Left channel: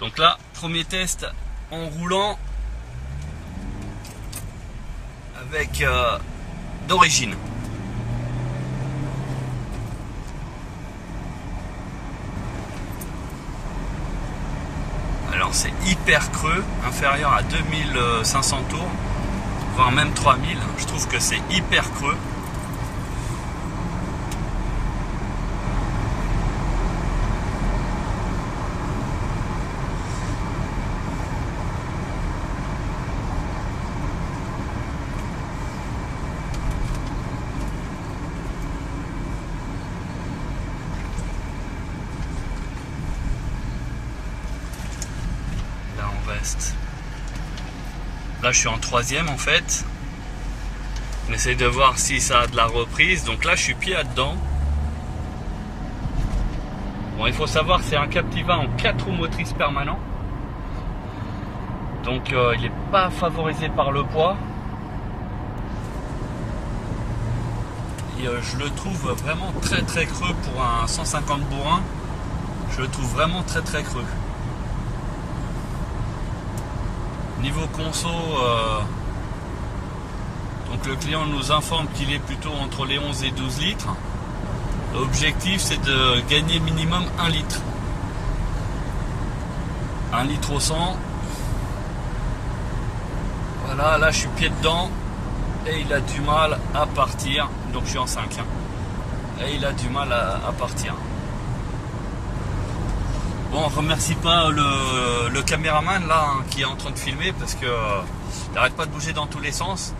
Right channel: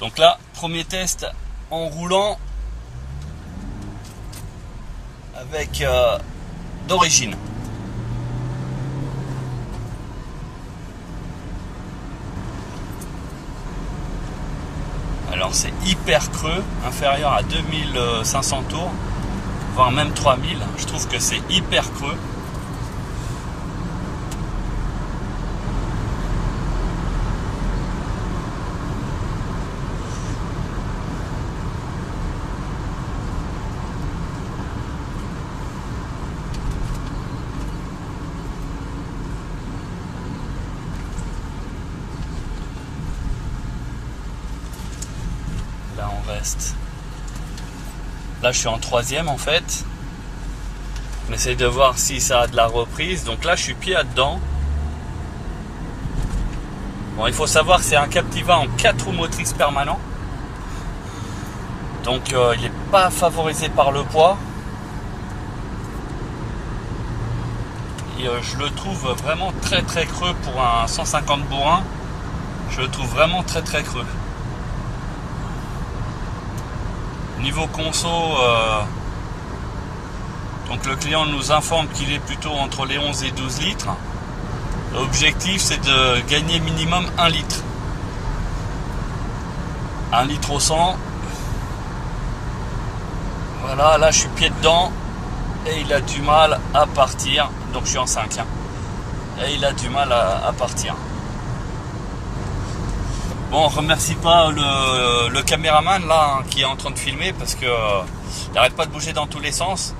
Donc là, premier test en roulant avec d'origine. Alors c'est hyper creux, inférieur à 2500 tours, voire même 3000. Je trouve que c'est hyper creux. Là je suis en troisième en fait. On essaye de voir si ça a de la reprise. Donc là je suis pied à dedans. Bon, il faut savoir que c'est un Captiva en 4 roues motrices permanent. Donc il n'est pas favorisé par le poids. Et je le trouve vraiment très très creux pour un 150 bourrin. Je le trouve vraiment très très creux. Niveau conso, donc le client nous informe qu'il est plutôt entre les 11 et 12 litres. L'objectif c'est de gagner minimum 1 litre. 1 litre au 100. Voilà, là je suis pied dedans et il a du mal à partir. Donc je suis en 5. Et il a du mal à partir. Bon, on remercie pas le caméraman là qui est en train de filmer parce que il n'arrête pas de bouger dans tous les sens.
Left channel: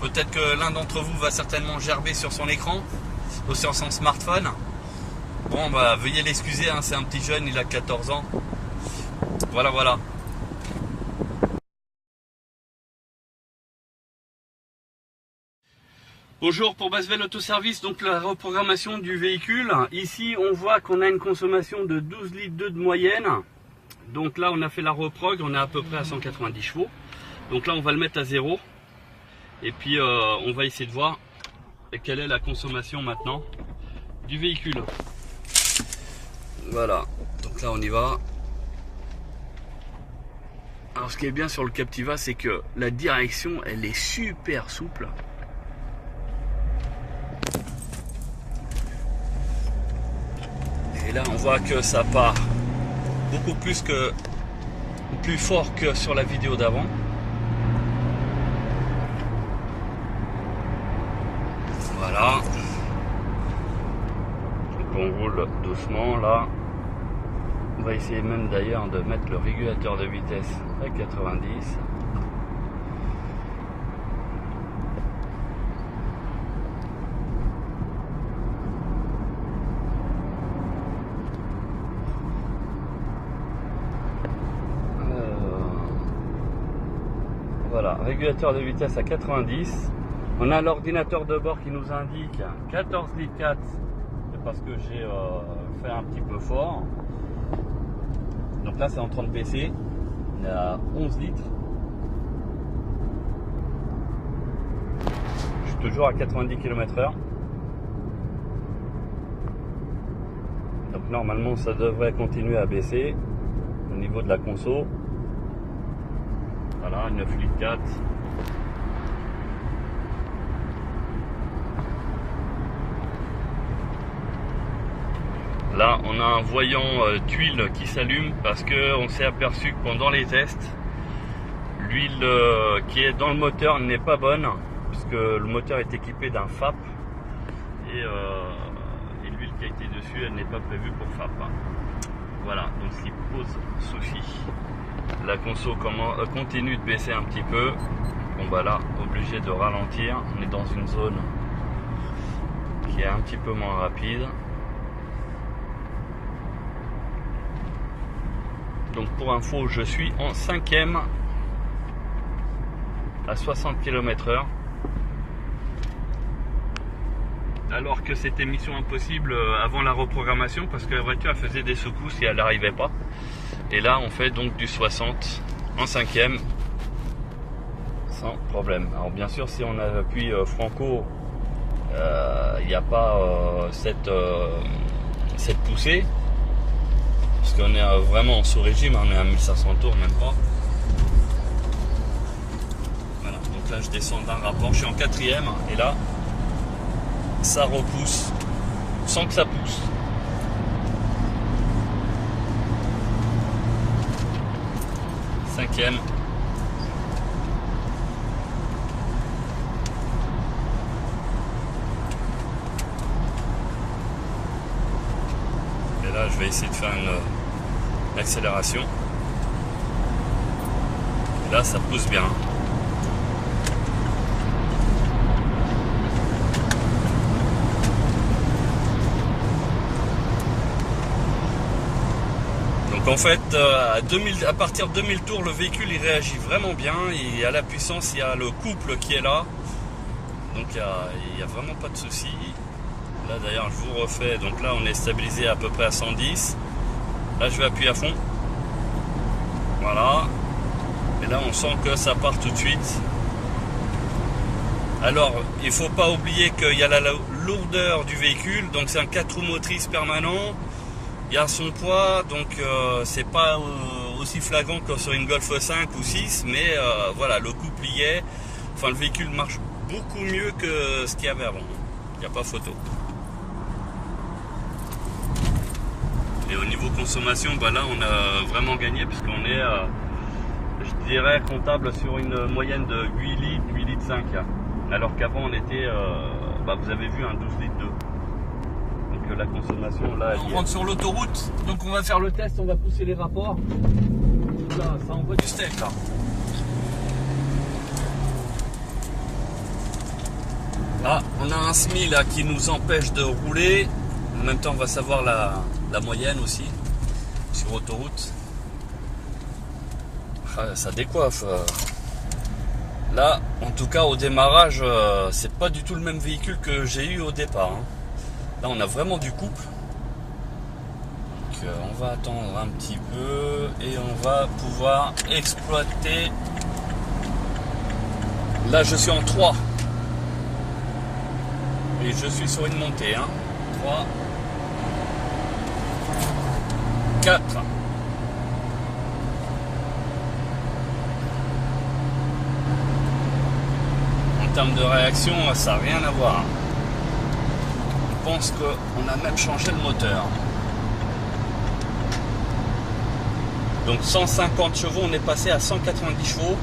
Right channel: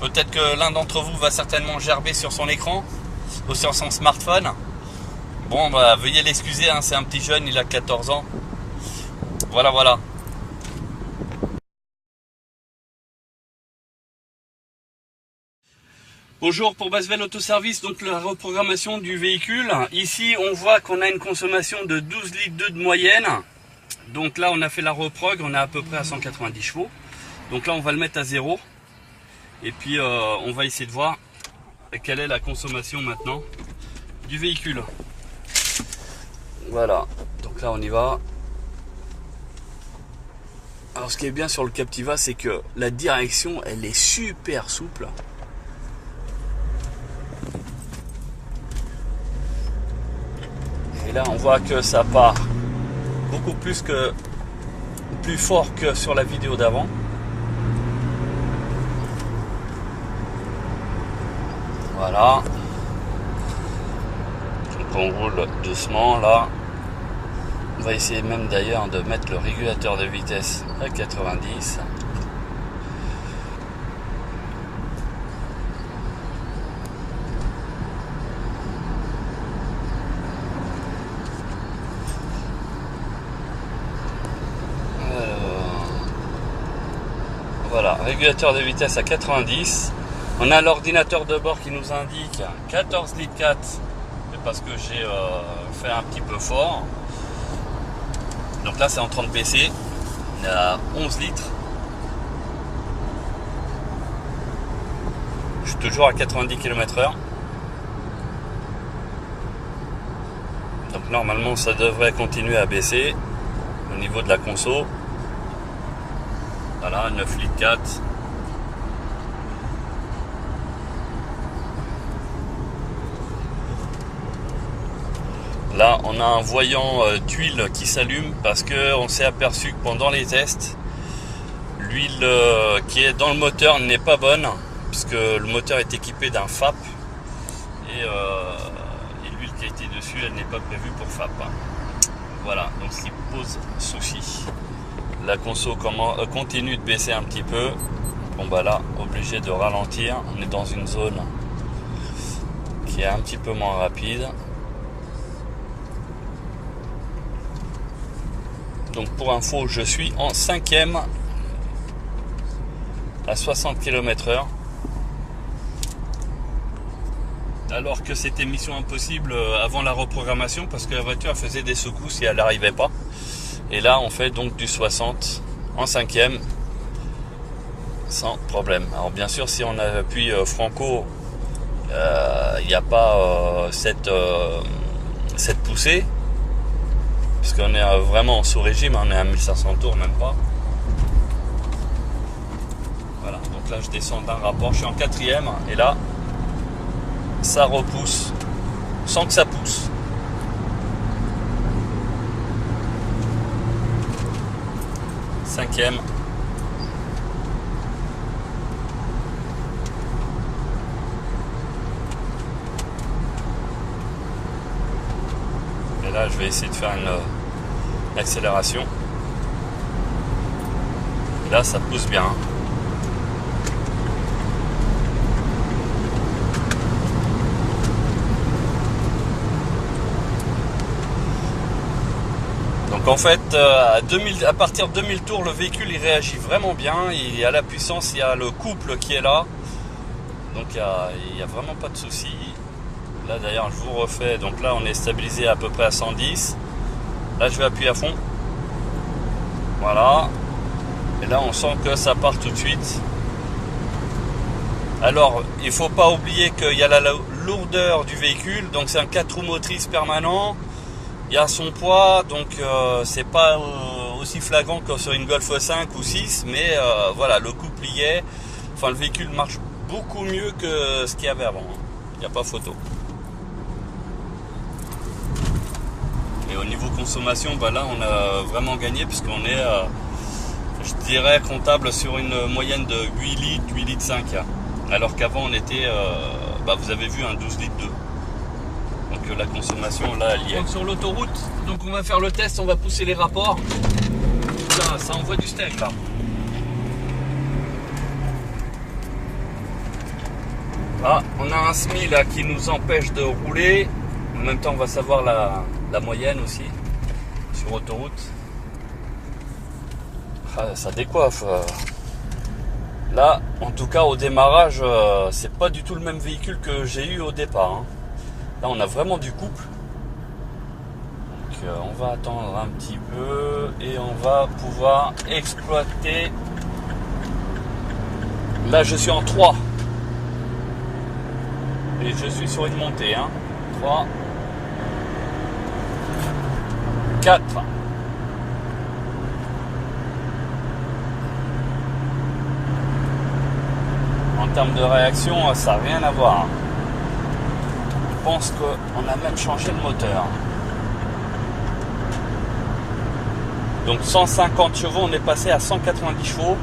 Peut-être que l'un d'entre vous va certainement gerber sur son écran ou sur son smartphone. Bon, bah veuillez l'excuser, hein, c'est un petit jeune, il a 14 ans. Voilà. Bonjour pour Basvel Autoservice, donc la reprogrammation du véhicule. Ici on voit qu'on a une consommation de 12 litres de moyenne. Donc là on a fait la reprog, on est à peu près à 190 chevaux. Donc là on va le mettre à 0. Et puis on va essayer de voir quelle est la consommation maintenant du véhicule. Voilà, donc là on y va. Alors ce qui est bien sur le Captiva, c'est que la direction elle est super souple. Et là on voit que ça part beaucoup plus fort que sur la vidéo d'avant. Voilà. Donc on roule doucement là. On va essayer même d'ailleurs de mettre le régulateur de vitesse à 90. Voilà, régulateur de vitesse à 90. On a l'ordinateur de bord qui nous indique 14 litres 4. C'est parce que j'ai fait un petit peu fort. Donc là c'est en train de baisser. On est à 11 litres. Je suis toujours à 90 km/h. Donc normalement ça devrait continuer à baisser au niveau de la conso. Voilà, 9 litres 4. Là, on a un voyant d'huile qui s'allume parce qu'on s'est aperçu que pendant les tests, l'huile qui est dans le moteur n'est pas bonne puisque le moteur est équipé d'un FAP et l'huile qui a été dessus, elle n'est pas prévue pour FAP. Voilà, donc ce qui pose souci. La conso continue de baisser un petit peu. Bon bah là, obligé de ralentir. On est dans une zone qui est un petit peu moins rapide. Donc pour info, je suis en 5e à 60 km/h. Alors que c'était mission impossible avant la reprogrammation parce que la voiture elle faisait des secousses et elle n'arrivait pas. Et là on fait donc du 60 en 5e sans problème. Alors bien sûr si on appuie Franco, il n'y a pas cette poussée. Parce qu'on est vraiment sous régime, on est à 1500 tours, même pas. Voilà, donc là je descends d'un rapport, je suis en 4e, et là, ça repousse, sans que ça pousse. Cinquième. Et là, je vais essayer de faire une accélération. Et là, ça pousse bien. Donc en fait, à partir de 2000 tours, le véhicule il réagit vraiment bien. Il y a la puissance, il y a le couple qui est là. Donc il n'y a vraiment pas de souci. Là d'ailleurs, je vous refais. Donc là, on est stabilisé à peu près à 110. Là, je vais appuyer à fond. Voilà. Et là, on sent que ça part tout de suite. Alors, il ne faut pas oublier qu'il y a la lourdeur du véhicule. Donc c'est un 4 roues motrices permanent. Il y a son poids, donc c'est pas aussi flagrant que sur une Golf 5 ou 6, mais voilà, le couple y est. Enfin, le véhicule marche beaucoup mieux que ce qu'il y avait avant. Il n'y a pas photo. Et au niveau consommation, bah là, on a vraiment gagné puisqu'on est, je dirais, comptable sur une moyenne de 8 litres, 8 litres 5. Alors qu'avant, on était, vous avez vu, un 12 litres 2. Donc la consommation là elle y est. Sur l'autoroute, donc on va faire le test, on va pousser les rapports. Ça envoie du steak là. Ah, on a un SMI là qui nous empêche de rouler. En même temps on va savoir la moyenne aussi sur autoroute. Ah, ça décoiffe. Là en tout cas au démarrage c'est pas du tout le même véhicule que j'ai eu au départ. Là, on a vraiment du couple. Donc, on va attendre un petit peu et on va pouvoir exploiter. Là, je suis en 3. Et je suis sur une montée. 3, 4. En termes de réaction, ça n'a rien à voir. Je pense qu'on a même changé le moteur. Donc 150 chevaux, on est passé à 190 chevaux.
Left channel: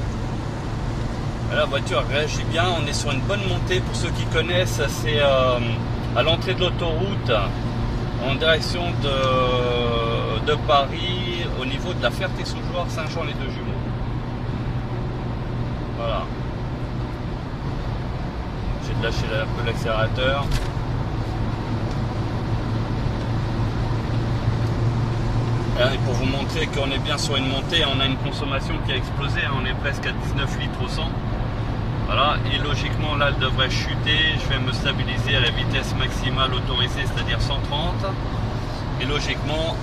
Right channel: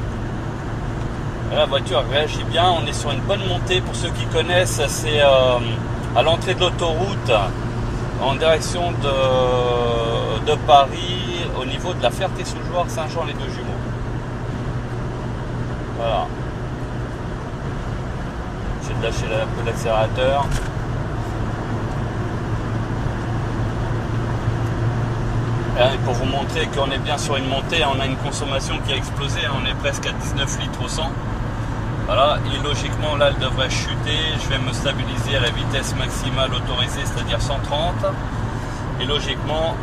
La voiture réagit bien, on est sur une bonne montée. Pour ceux qui connaissent, c'est à l'entrée de l'autoroute en direction de Paris, au niveau de la Ferté-sous-Jouarre, Saint-Jean-les-Deux-Jumeaux. Voilà. J'ai lâché un peu l'accélérateur. Et pour vous montrer qu'on est bien sur une montée, on a une consommation qui a explosé, on est presque à 19 litres au 100. Voilà, et logiquement là elle devrait chuter, je vais me stabiliser à la vitesse maximale autorisée, c'est-à-dire 130. Et logiquement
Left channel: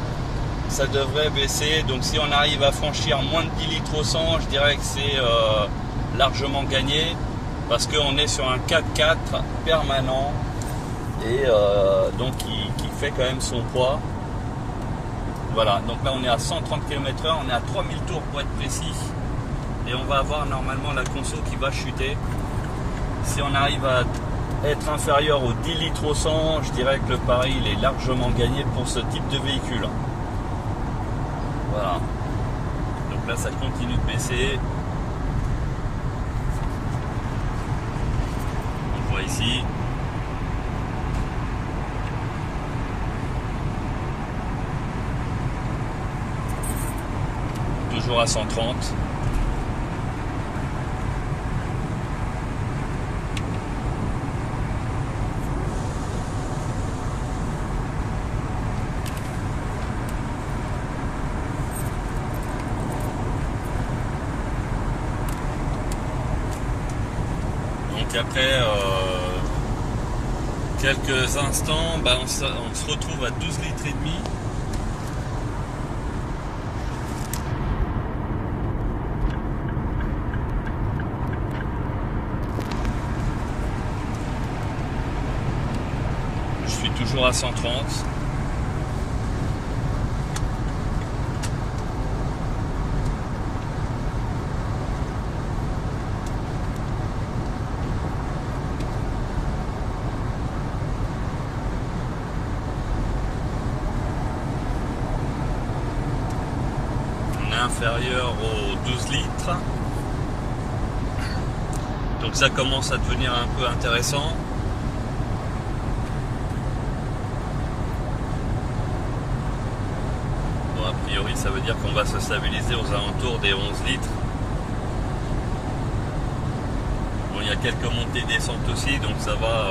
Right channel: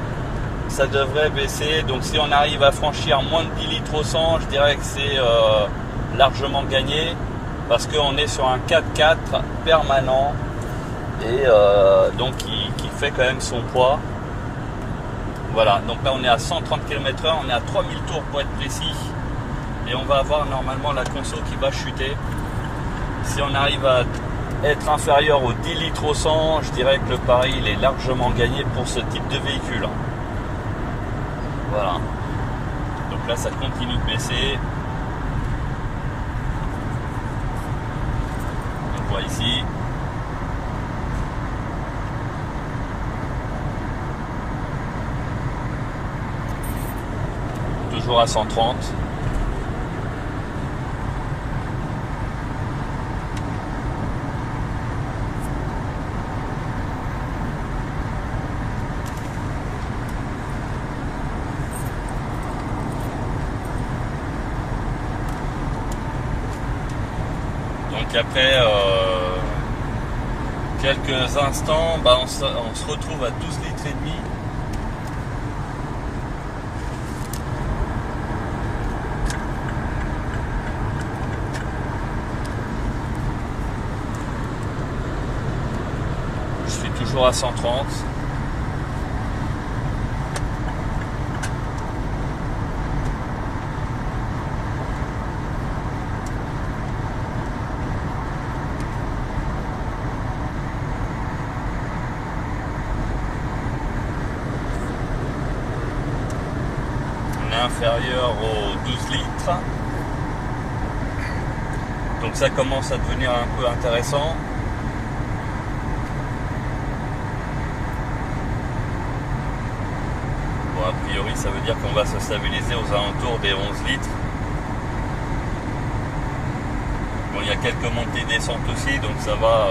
ça devrait baisser, donc si on arrive à franchir moins de 10 litres au 100, je dirais que c'est largement gagné, parce qu'on est sur un 4x4 permanent, et donc qui fait quand même son poids. Voilà, donc là on est à 130 km/h, on est à 3000 tours pour être précis. Et on va avoir normalement la conso qui va chuter. Si on arrive à être inférieur aux 10 litres au 100, je dirais que le pari il est largement gagné pour ce type de véhicule. Voilà. Donc là ça continue de baisser. On voit ici. Toujours à 130. Donc après quelques instants, on se retrouve à 12 litres et demi. Je suis toujours à 130. inférieur aux 12 litres. Donc ça commence à devenir un peu intéressant. Bon, a priori, ça veut dire qu'on va se stabiliser aux alentours des 11 litres. Bon, il y a quelques montées et descentes aussi, donc ça va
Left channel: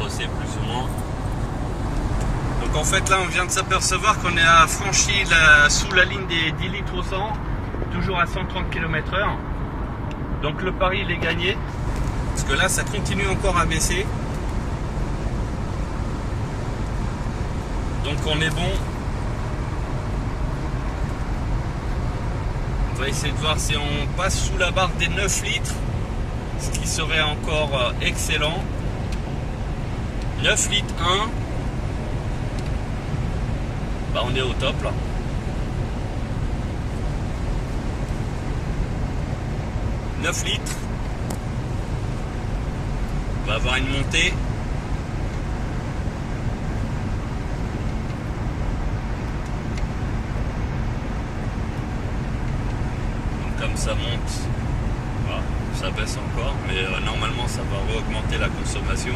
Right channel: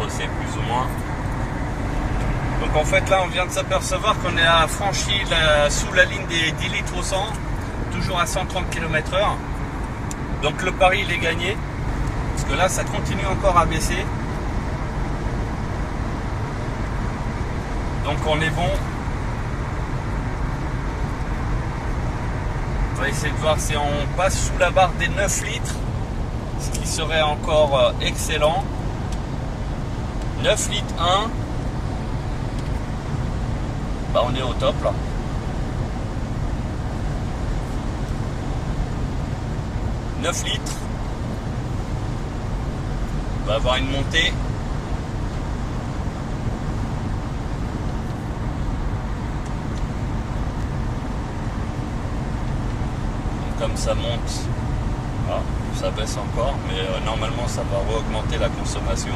fausser plus ou moins. Donc en fait, là, on vient de s'apercevoir qu'on est franchi sous la ligne des 10 litres au 100, toujours à 130 km/h. Donc le pari, il est gagné. Parce que là, ça continue encore à baisser. Donc on est bon. On va essayer de voir si on passe sous la barre des 9 litres. Ce qui serait encore excellent. 9 litres 1. Bah on est au top là. « 9 litres. On va avoir une montée. Donc, comme ça monte, voilà, ça baisse encore, mais normalement ça va augmenter la consommation.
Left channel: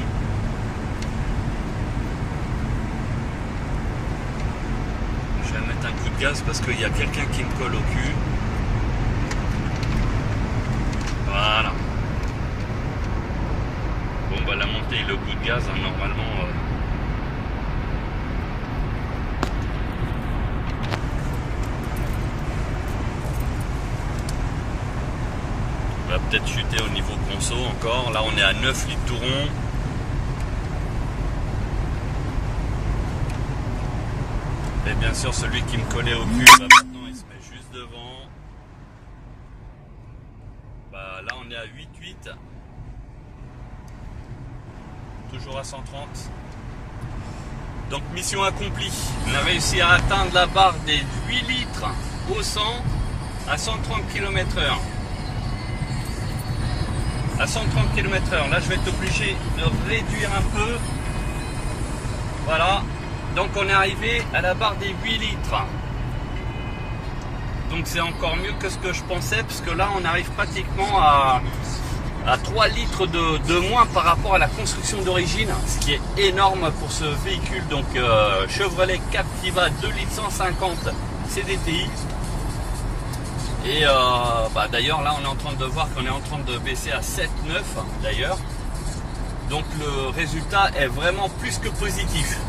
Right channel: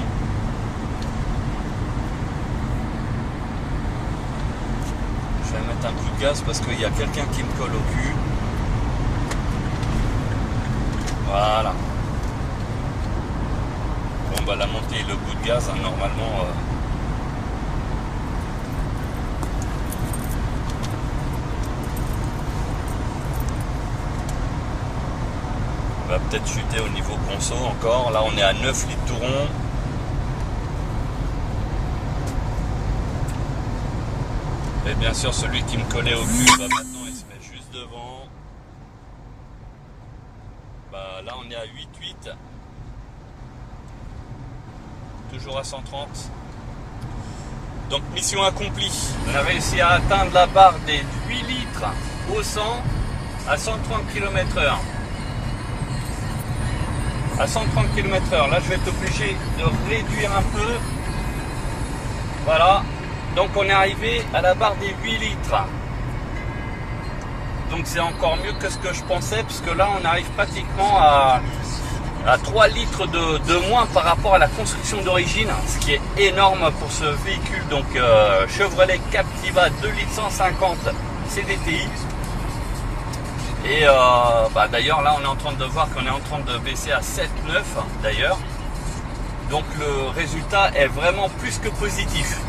Je vais mettre un coup de gaz parce qu'il y a quelqu'un qui me colle au cul. Voilà. On va la monter le coup de gaz, hein, normalement. On va peut-être chuter au niveau conso encore. Là, on est à 9 litres tout rond. Et bien sûr, celui qui me collait au cul, bah, maintenant, il se met juste devant. Bah, là, on est à 8,8. Toujours à 130. Donc mission accomplie. On a réussi à atteindre la barre des 8 litres au 100 à 130 km/h. À 130 km/h. Là je vais être obligé de réduire un peu. Voilà. Donc on est arrivé à la barre des 8 litres. Donc c'est encore mieux que ce que je pensais, parce que là on arrive pratiquement à 3 litres de moins par rapport à la construction d'origine, ce qui est énorme pour ce véhicule. Donc Chevrolet Captiva 2 litres 150 CDTI. Et bah, d'ailleurs là on est en train de voir qu'on est en train de baisser à 7,9 d'ailleurs. Donc le résultat est vraiment plus que positif.